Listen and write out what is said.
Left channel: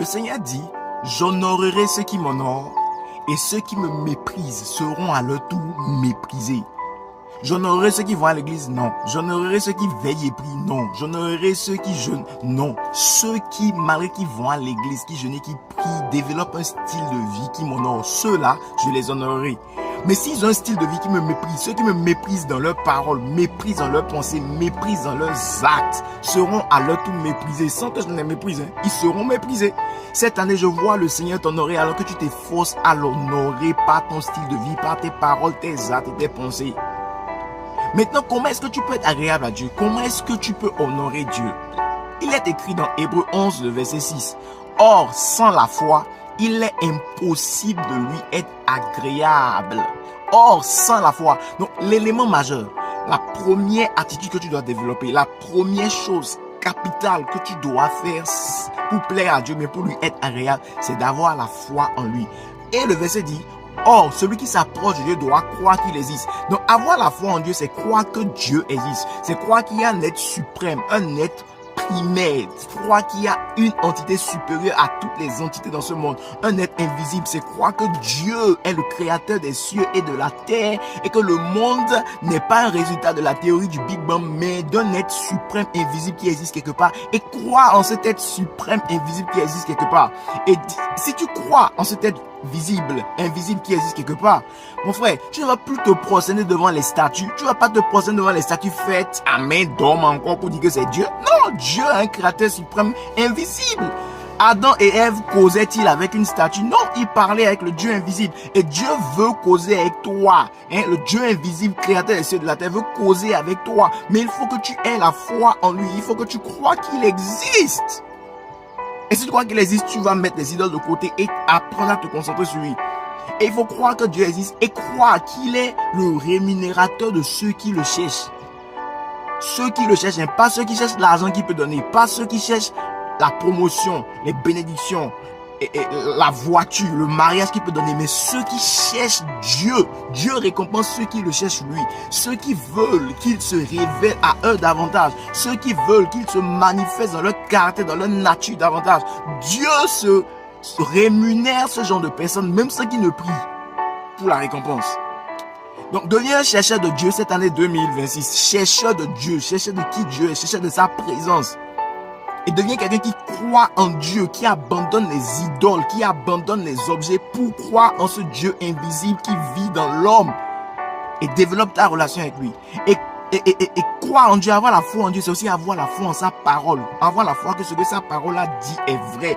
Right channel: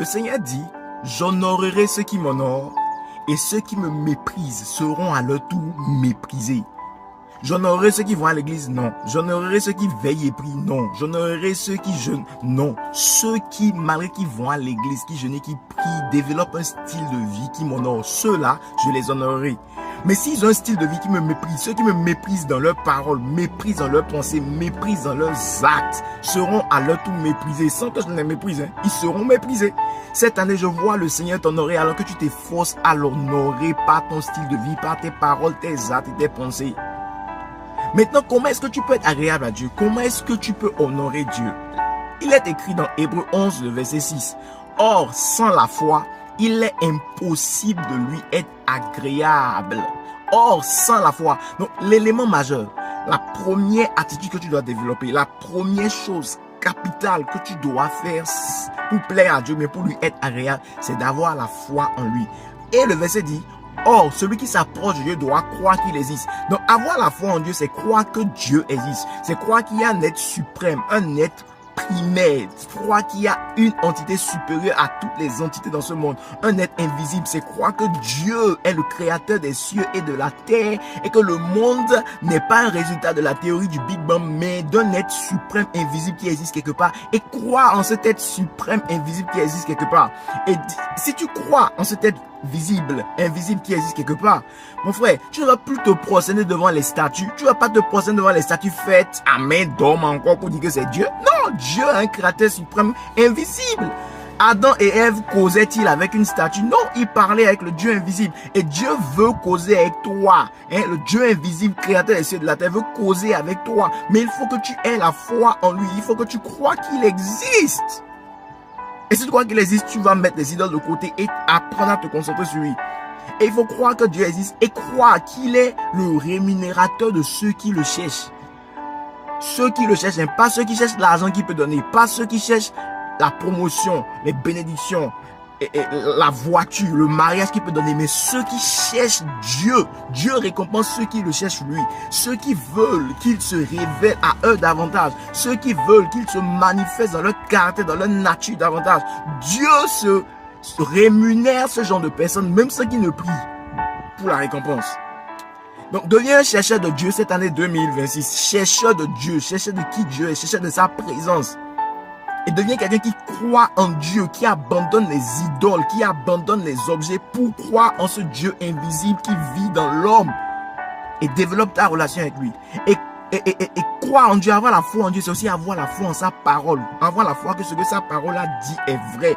Le Seigneur dit, j'honorerai ceux qui m'honorent et ceux qui me méprisent seront à leur tour méprisés. J'honorerai ceux qui vont à l'église, non. J'honorerai ceux qui veillent et prient, non. J'honorerai ceux qui jeûnent, non. Ceux qui, malgré qu'ils vont à l'église, qui jeûnent et qui prient, développent un style de vie qui m'honore, ceux-là, je les honorerai. Mais s'ils ont un style de vie qui me méprise, ceux qui me méprisent dans leurs paroles, méprisent dans leurs pensées, méprisent dans leurs actes, seront à leur tour méprisés, sans que je ne les méprise, ils seront méprisés. Cette année, je vois le Seigneur t'honorer alors que tu t'efforces à l'honorer par ton style de vie, par tes paroles, tes actes et tes pensées. Maintenant, comment est-ce que tu peux être agréable à Dieu? Comment est-ce que tu peux honorer Dieu? Il est écrit dans Hébreux 11, le verset 6. Or, sans la foi, il est impossible de lui être agréable. Or, sans la foi. Donc, l'élément majeur, la première attitude que tu dois développer, la première chose capitale que tu dois faire pour plaire à Dieu, mais pour lui être agréable, c'est d'avoir la foi en lui. Et le verset dit, or, celui qui s'approche de Dieu doit croire qu'il existe. Donc, avoir la foi en Dieu, c'est croire que Dieu existe. C'est croire qu'il y a un être suprême, un être primaire. C'est croire qu'il y a une entité supérieure à toutes les entités dans ce monde. Un être invisible. C'est croire que Dieu est le créateur des cieux et de la terre et que le monde n'est pas un résultat de la théorie du Big Bang, mais d'un être suprême invisible qui existe quelque part. Et croire en cet être suprême invisible qui existe quelque part. Et si tu crois en cet être visible, invisible qui existe quelque part, mon frère, tu ne vas plus te prosterner devant les statues. Tu ne vas pas te prosterner devant les statues faites à main d'homme encore pour dire que c'est Dieu. Non, Dieu est un créateur suprême invisible. Adam et Ève causaient-ils avec une statue? Non, ils parlaient avec le Dieu invisible. Et Dieu veut causer avec toi. Le Dieu invisible, créateur des cieux et de la terre, veut causer avec toi. Mais il faut que tu aies la foi en lui. Il faut que tu crois qu'il existe. Et si tu crois qu'il existe, tu vas mettre les idoles de côté et apprendre à te concentrer sur lui. Et il faut croire que Dieu existe et croire qu'il est le rémunérateur de ceux qui le cherchent. Ceux qui le cherchent, pas ceux qui cherchent l'argent qu'il peut donner, pas ceux qui cherchent la promotion, les bénédictions, et la voiture, le mariage qu'il peut donner, mais ceux qui cherchent Dieu. Dieu récompense ceux qui le cherchent lui. Ceux qui veulent qu'il se révèle à eux davantage. Ceux qui veulent qu'il se manifeste dans leur caractère, dans leur nature davantage. Dieu se rémunère ce genre de personnes, même ceux qui ne prient, pour la récompense. Donc, deviens un chercheur de Dieu cette année 2026. Chercheur de Dieu, chercheur de qui Dieu est, chercheur de sa présence. Et deviens quelqu'un qui croit en Dieu, qui abandonne les idoles, qui abandonne les objets pour croire en ce Dieu invisible qui vit dans l'homme. Et développe ta relation avec lui. Et croire en Dieu, avoir la foi en Dieu, c'est aussi avoir la foi en sa parole. Avoir la foi que ce que sa parole a dit est vrai.